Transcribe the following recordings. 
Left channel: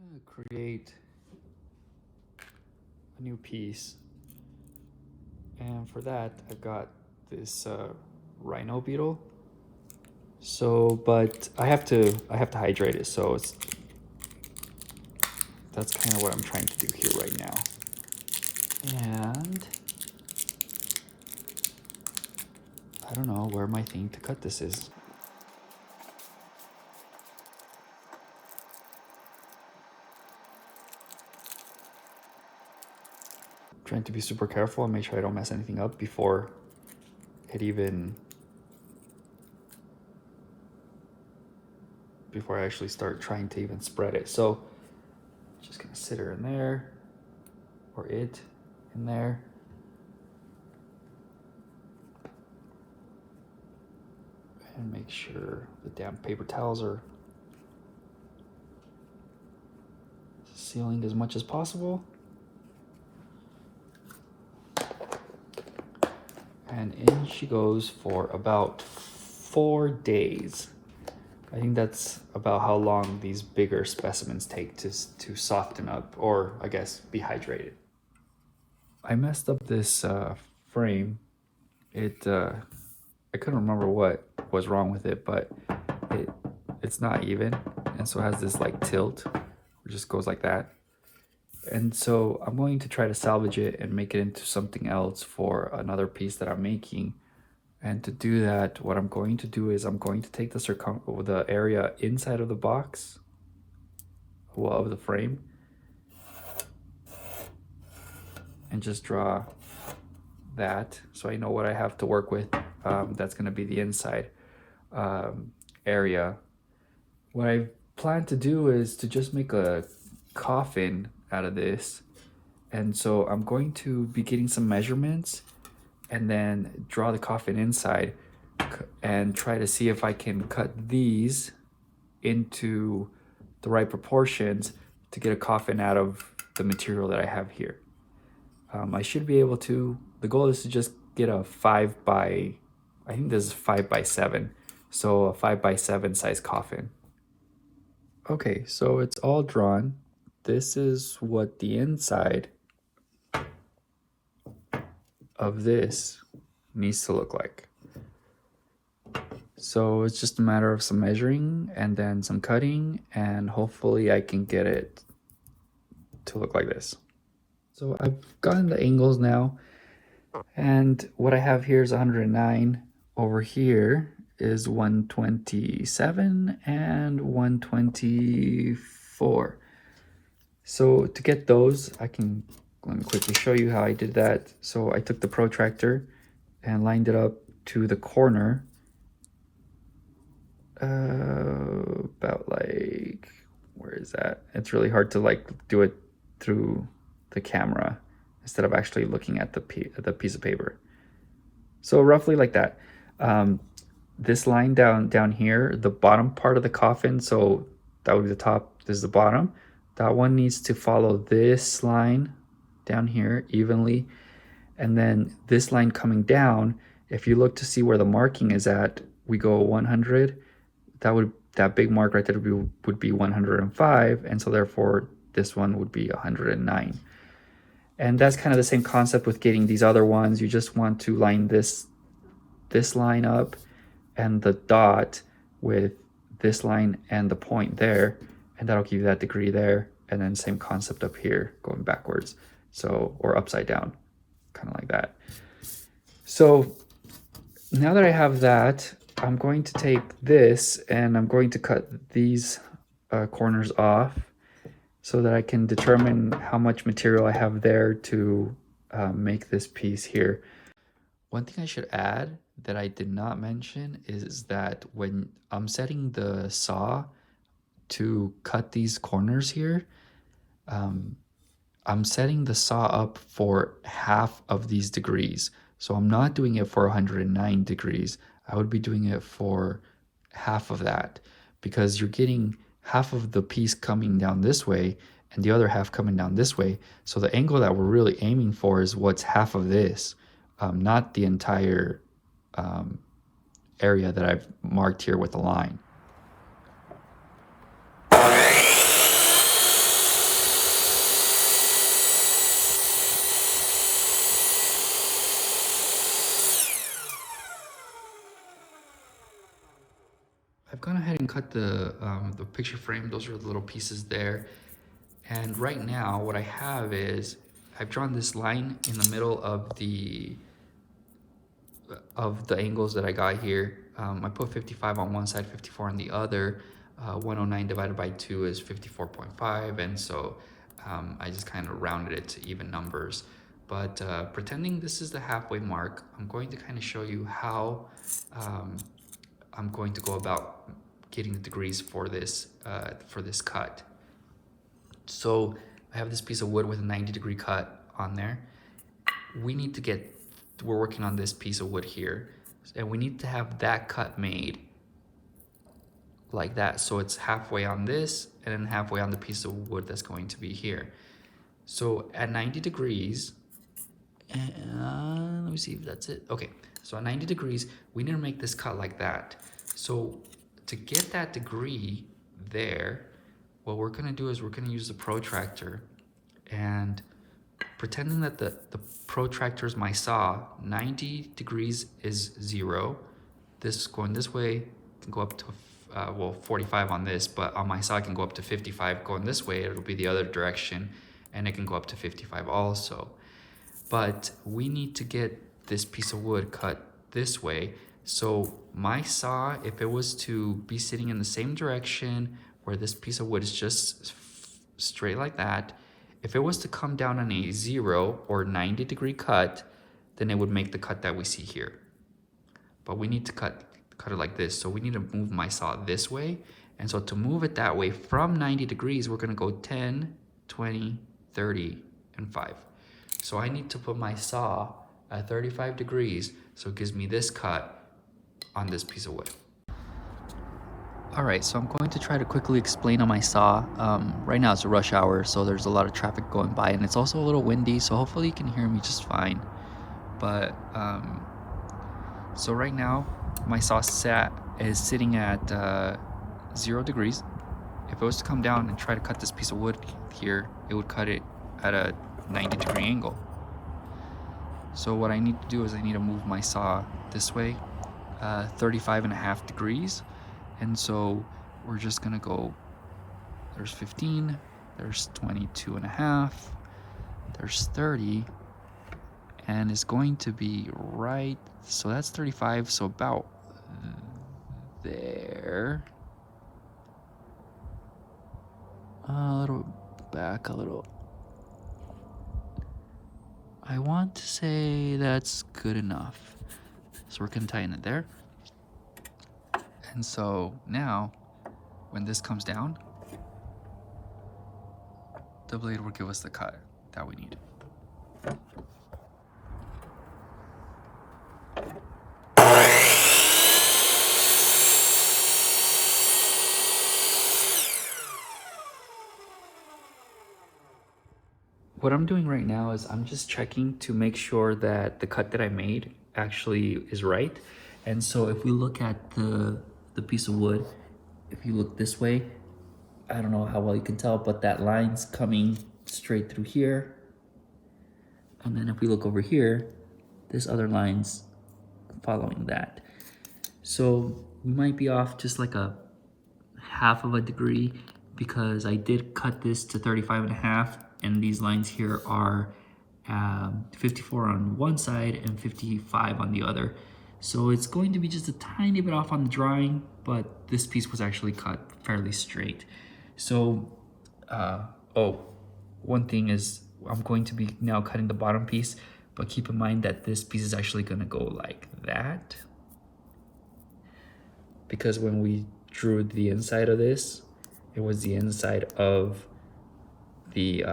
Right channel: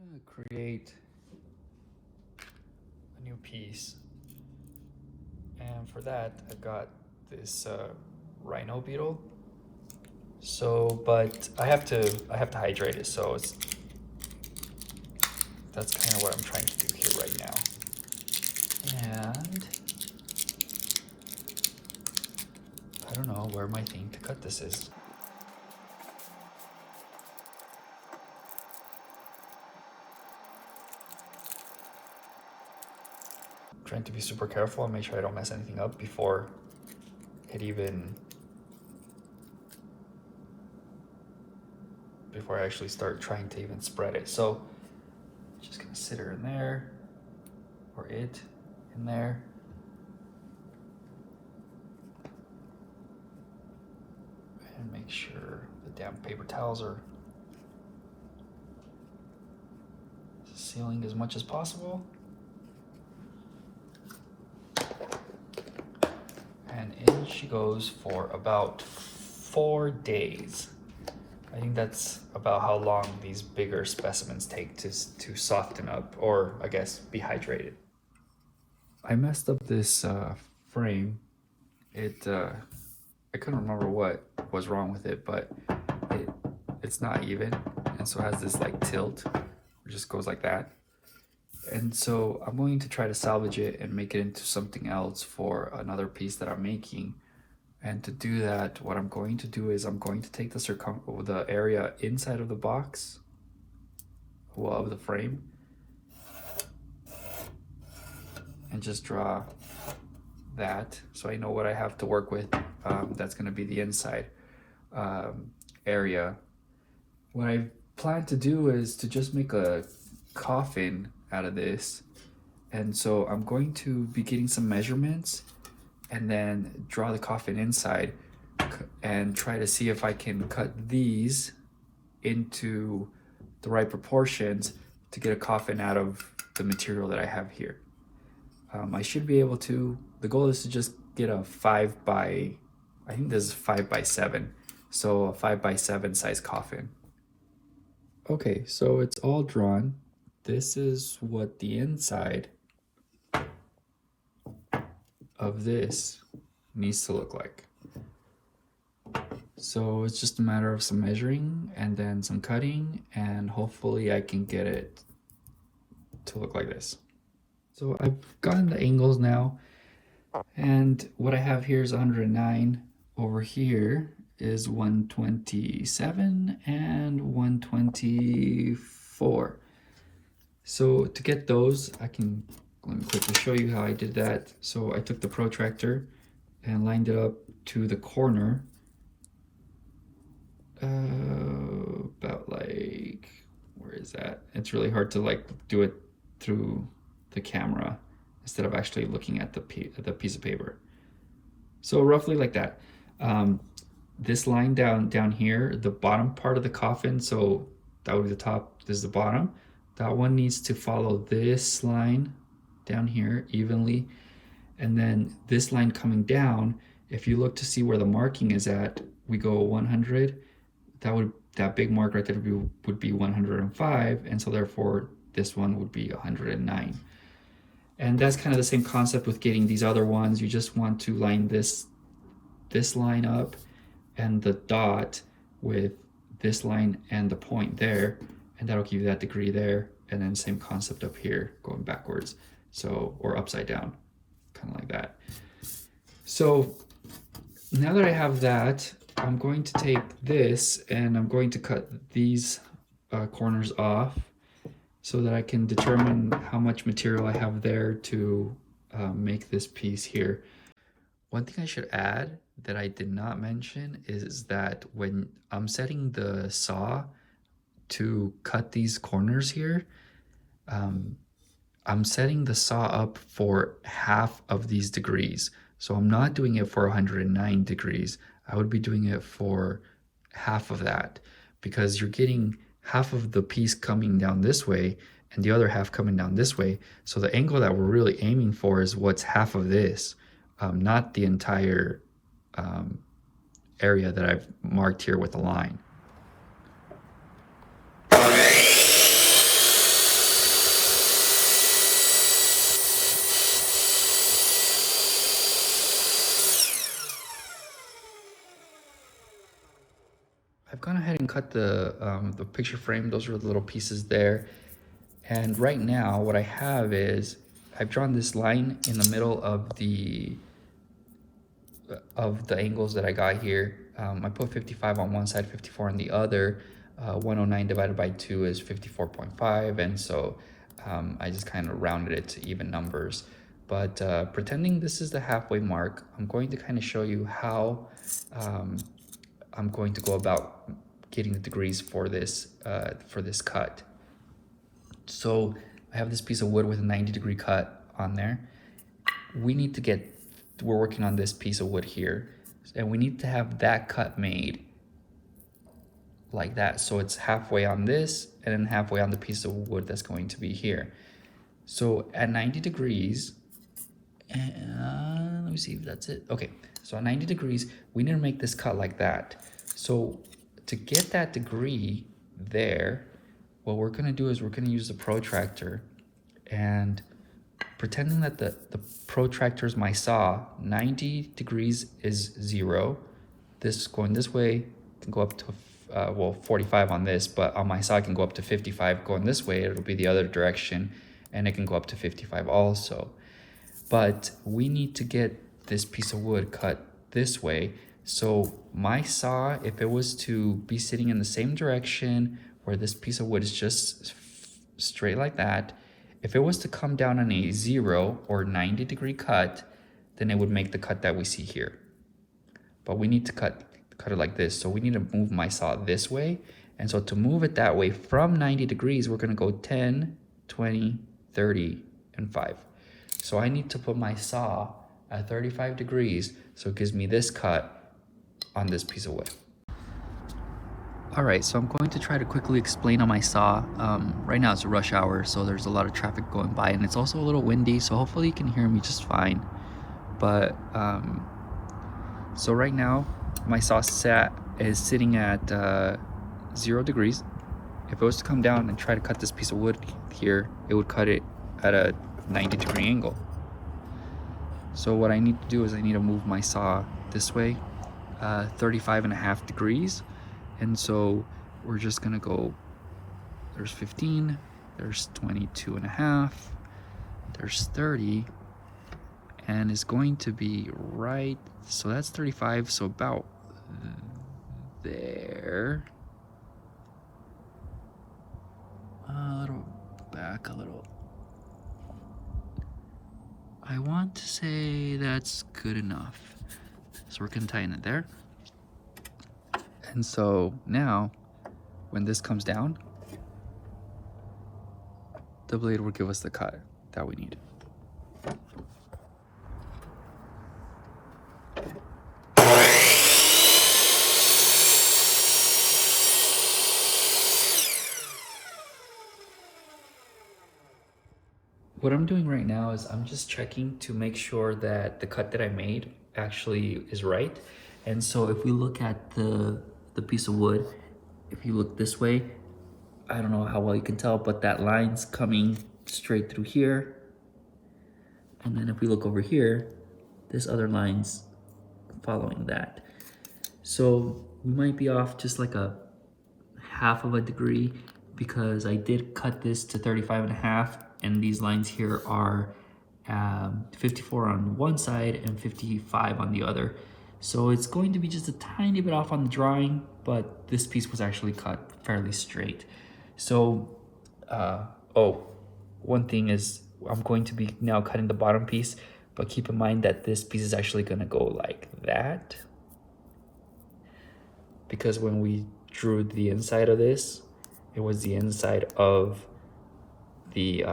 gonna create a new piece, and for that I got this rhino beetle. So, but I have to hydrate it. So that's kind of what I'm trying to do here right now. And I don't know where my thing to cut this is. I'm trying to be super careful and make sure I don't mess anything up before I actually start trying to even spread it. So just gonna sit her in there, or it in there. And make sure the damn paper towels are sealing as much as possible. And in she goes for about 4 days. I think that's about how long these bigger specimens take to soften up, or I guess be hydrated. I messed up this frame. I couldn't remember what was wrong with it, but it's not even, and so it has this like tilt. It just goes like that. And so I'm going to try to salvage it and make it into something else for another piece that I'm making. And to do that, what I'm going to do is I'm going to take the area inside of the box, well, of the frame, and just draw that so I know what I have to work with. That's going to be the inside area. What I plan to do is to just make a coffin out of this, and so I'm going to be getting some measurements and then draw the coffin inside and try to see if I can cut these into the right proportions to get a coffin out of the material that I have here. I should be able to. The goal is to just get a 5 by, I think this is 5 by 7, so a 5 by 7 size coffin. Okay, so it's all drawn. This is what the inside of this needs to look like. So it's just a matter of some measuring and then some cutting, and hopefully I can get it to look like this. So I've gotten the angles now, and what I have here is 109. Over here is 127 and 124. So to get those, let me quickly show you how I did that. So I took the protractor and lined it up to the corner, about like, where is that? It's really hard to like do it through the camera instead of actually looking at the piece of paper. So roughly like that. This line down here, the bottom part of the coffin, so that would be the top, this is the bottom. That one needs to follow this line down here evenly. And then this line coming down, if you look to see where the marking is at, we go 100. That big mark right there would be 105. And so therefore this one would be 109. And that's kind of the same concept with getting these other ones. You just want to line this line up and the dot with this line and the point there, and that'll give you that degree there. And then same concept up here, going backwards, so, or upside down, kind of like that. So now that I have that, I'm going to take this and I'm going to cut these corners off so that I can determine how much material I have there to make this piece here. One thing I should add that I did not mention is that when I'm setting the saw to cut these corners here, I'm setting the saw up for half of these degrees. So I'm not doing it for 109 degrees. I would be doing it for half of that, because you're getting half of the piece coming down this way and the other half coming down this way. So the angle that we're really aiming for is what's half of this, not the entire area that I've marked here with a line. cut the picture frame. Those are the little pieces there. And right now what I have is I've drawn this line in the middle of the angles that I got here. I put 55 on one side, 54 on the other. 109 divided by 2 is 54.5, and so I just kind of rounded it to even numbers. But pretending this is the halfway mark, I'm going to kind of show you how I'm going to go about getting the degrees for this cut. So I have this piece of wood with a 90-degree cut on there. We're working on this piece of wood here, and we need to have that cut made like that. So it's halfway on this and then halfway on the piece of wood that's going to be here. So at 90 degrees, let me see if that's it. Okay, so at 90 degrees, we need to make this cut like that. So to get that degree there, what we're gonna do is we're gonna use the protractor, and pretending that the protractor is my saw, 90 degrees is 0. This going this way can go up to, well, 45 on this, but on my saw it can go up to 55. Going this way, it'll be the other direction, and it can go up to 55 also. But we need to get this piece of wood cut this way. So my saw, if it was to be sitting in the same direction where this piece of wood is just straight like that, if it was to come down on a 0 or 90-degree cut, then it would make the cut that we see here. But we need to cut it like this. So we need to move my saw this way. And so to move it that way from 90 degrees, we're gonna go 10, 20, 30, and 5. So I need to put my saw at 35 degrees, so it gives me this cut on this piece of wood. All right, so I'm going to try to quickly explain on my saw. Right now it's a rush hour, so there's a lot of traffic going by, and it's also a little windy, so hopefully you can hear me just fine. But, so right now, my saw is sitting at 0 degrees. If it was to come down and try to cut this piece of wood here, it would cut it at a 90-degree angle. So what I need to do is I need to move my saw this way, 35.5 degrees. And so we're just gonna go, there's 15, there's 22.5, there's 30, and it's going to be right, so that's 35, so about there. A little back a little. I want to say that's good enough. So we're gonna tighten it there. And so now, when this comes down, the blade will give us the cut that we need. What I'm doing right now is I'm just checking to make sure that the cut that I made actually is right. And so if we look at the piece of wood, if you look this way, I don't know how well you can tell, but that line's coming straight through here. And then if we look over here, this other line's following that. So we might be off just like a half of a degree, because I did cut this to 35.5, and these lines here are 54 on one side and 55 on the other. So it's going to be just a tiny bit off on the drawing, but this piece was actually cut fairly straight. So, one thing is I'm going to be now cutting the bottom piece, but keep in mind that this piece is actually gonna go like that, because when we drew the inside of this, it was the inside of the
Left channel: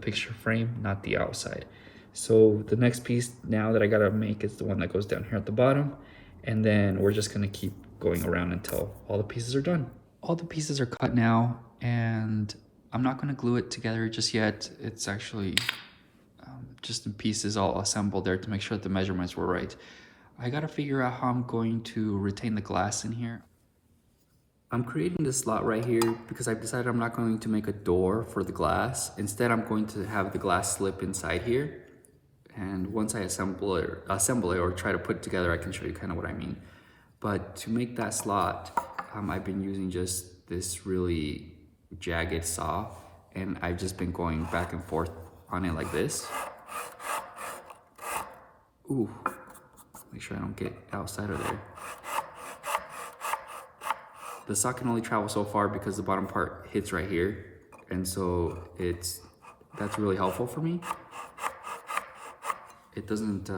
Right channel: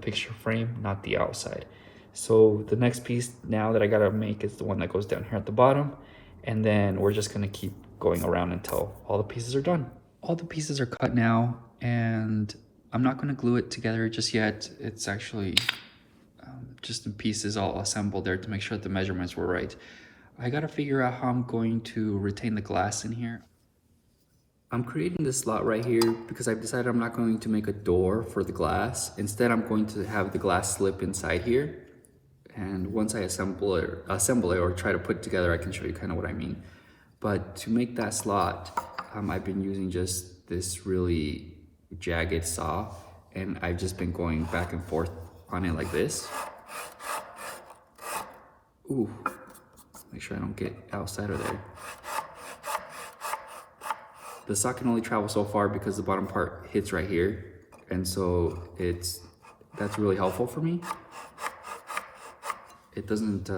picture frame, not the outside. So the next piece now that I gotta make is the one that goes down here at the bottom, and then we're just gonna keep going around until all the pieces are done. All the pieces are cut now, and I'm not gonna glue it together just yet. It's actually just the pieces all assembled there to make sure that the measurements were right. I gotta figure out how I'm going to retain the glass in here. I'm creating this slot right here because I've decided I'm not going to make a door for the glass. Instead, I'm going to have the glass slip inside here. And once I assemble it or try to put it together, I can show you kind of what I mean. But to make that slot, I've been using just this really jagged saw, and I've just been going back and forth on it like this. Ooh, make sure I don't get outside of there. The saw can only travel so far because the bottom part hits right here, and so that's really helpful for me. It doesn't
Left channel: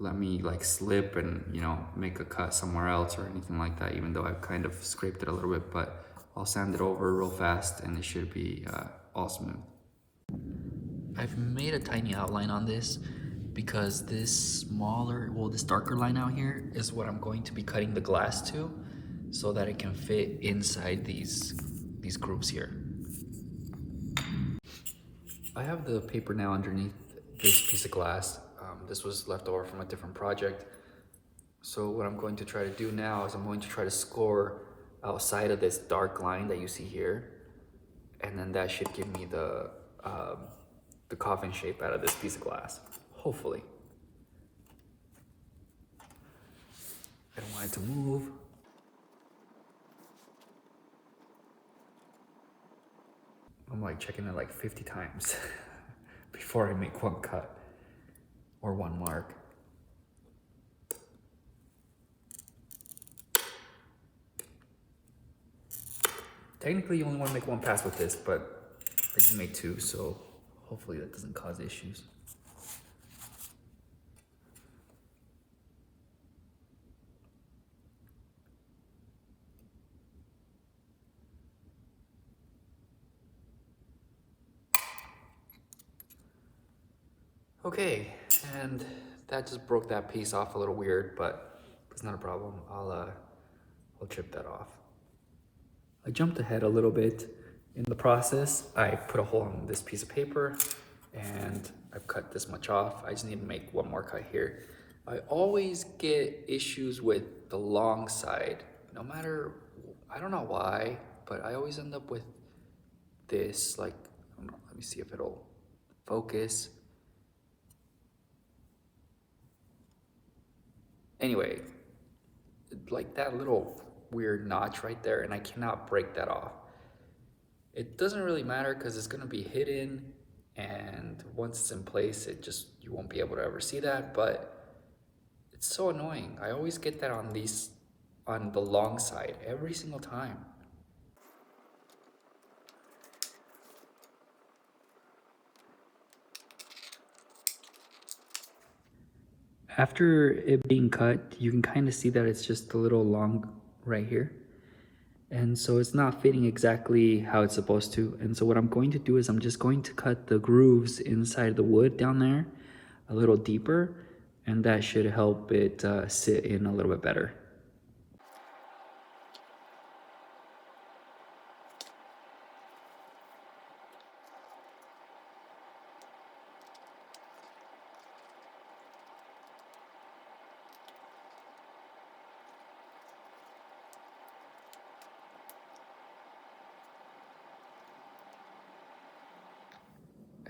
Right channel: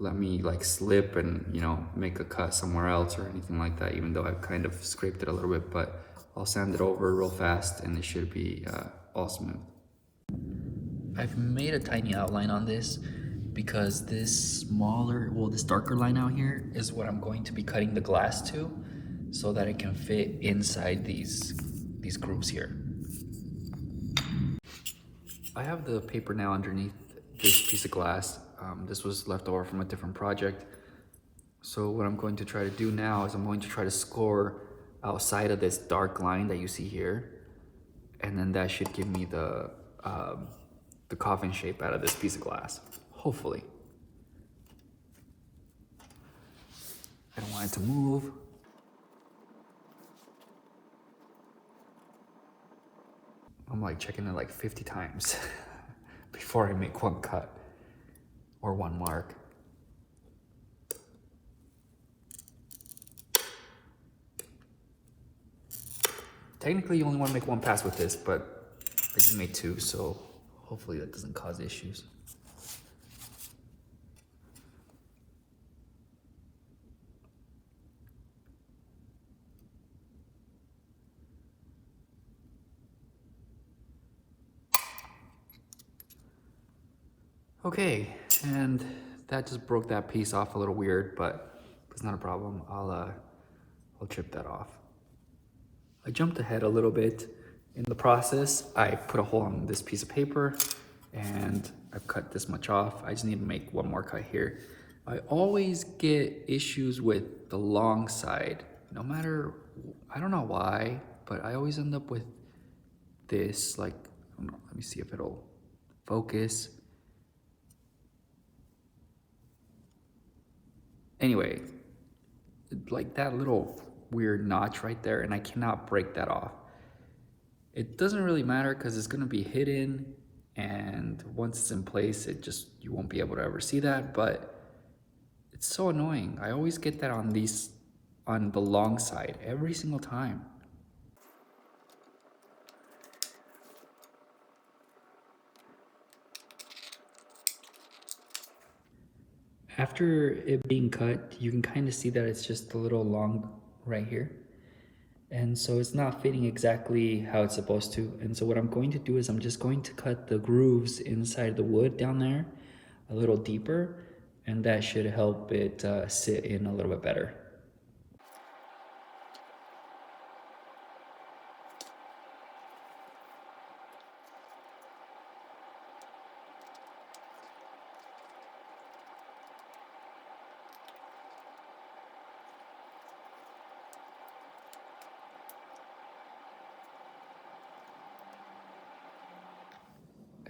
let me like slip and, you know, make a cut somewhere else or anything like that, even though I've kind of scraped it a little bit, but I'll sand it over real fast and it should be all smooth. I've made a tiny outline on this because this this darker line out here is what I'm going to be cutting the glass to, so that it can fit inside these grooves here. I have the paper now underneath this piece of glass. This was left over from a different project. So what I'm going to try to do now is I'm going to try to score outside of this dark line that you see here, and then that should give me the coffin shape out of this piece of glass, hopefully. I don't want it to move. I'm like checking it like 50 times before I make one cut or one mark. Technically you only want to make one pass with this, but I just made two, so hopefully that doesn't cause issues. Okay, and that just broke that piece off a little weird, but it's not a problem. I'll chip that off. I jumped ahead a little bit in the process. I put a hole on this piece of paper and I've cut this much off. I just need to make one more cut here. I always get issues with the long side, no matter, I don't know why, but I always end up with this, like, let me see if it'll focus. Anyway, like that little weird notch right there, and I cannot break that off. It doesn't really matter because it's going to be hidden, and once it's in place, you won't be able to ever see that, but it's so annoying. I always get that on the long side every single time. After it being cut, you can kind of see that it's just a little long right here. And so it's not fitting exactly how it's supposed to. And so what I'm going to do is I'm just going to cut the grooves inside the wood down there a little deeper, and that should help it sit in a little bit better.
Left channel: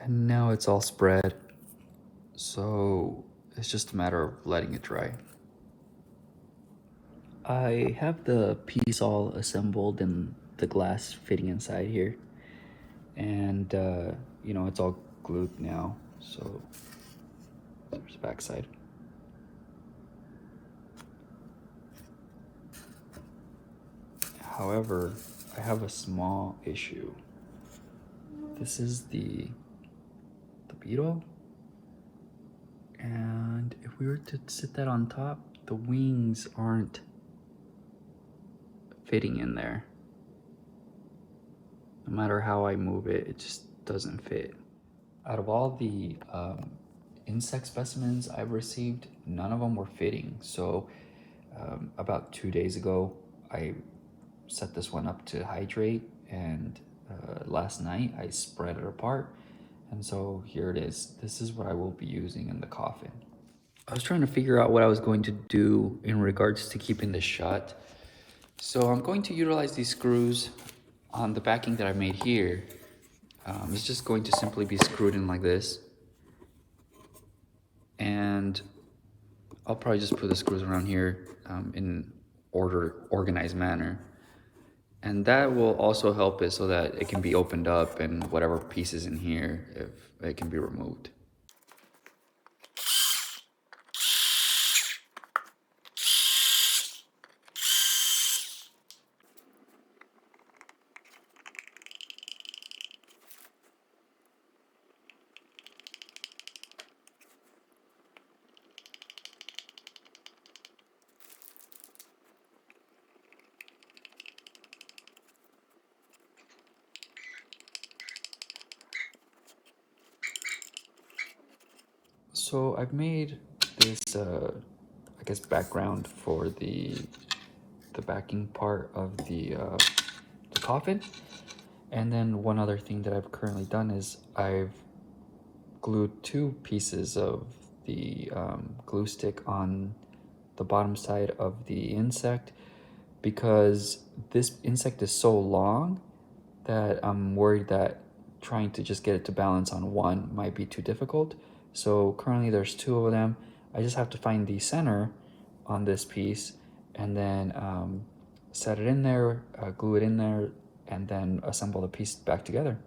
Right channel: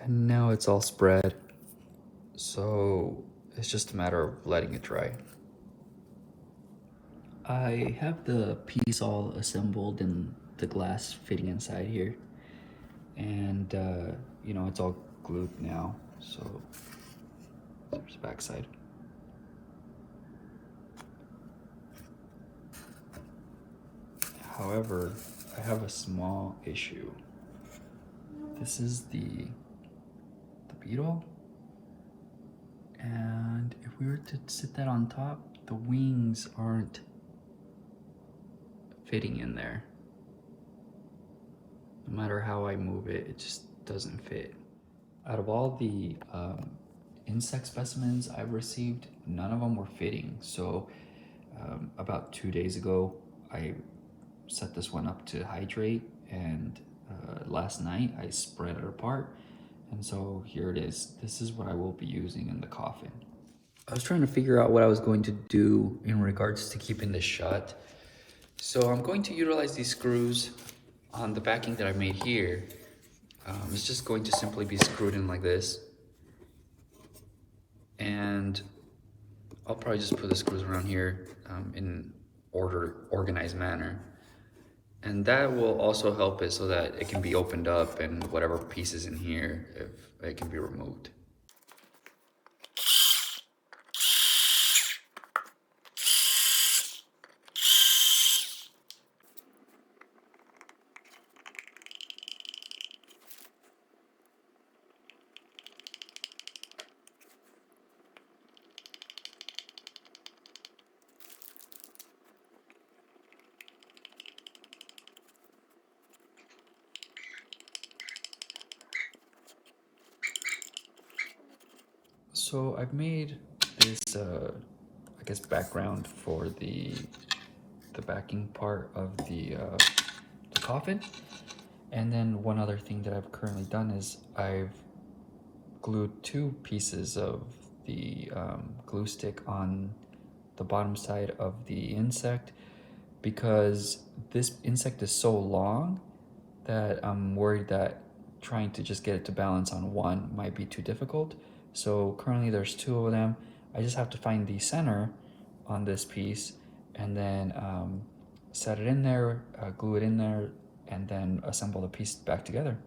And now it's all spread, so it's just a matter of letting it dry. I have the piece all assembled and the glass fitting inside here, and you know, it's all glued now, so there's the back side. However, I have a small issue. This is the beetle, and if we were to sit that on top, the wings aren't fitting in there. No matter how I move it, it just doesn't fit. Out of all the insect specimens I've received, none of them were fitting. So about 2 days ago, I set this one up to hydrate, and last night I spread it apart. And so here it is. This is what I will be using in the coffin. I was trying to figure out what I was going to do in regards to keeping this shut. So I'm going to utilize these screws on the backing that I made here. It's just going to simply be screwed in like this. And I'll probably just put the screws around here in organized manner. And that will also help it so that it can be opened up and whatever pieces in here, if it can be removed. So I've made this, I guess, background for the backing part of the coffin. And then one other thing that I've currently done is I've glued 2 pieces of the glue stick on the bottom side of the insect, because this insect is so long that I'm worried that trying to just get it to balance on one might be too difficult. So currently there's 2 of them. I just have to find the center on this piece and then set it in there, glue it in there, and then assemble the piece back together.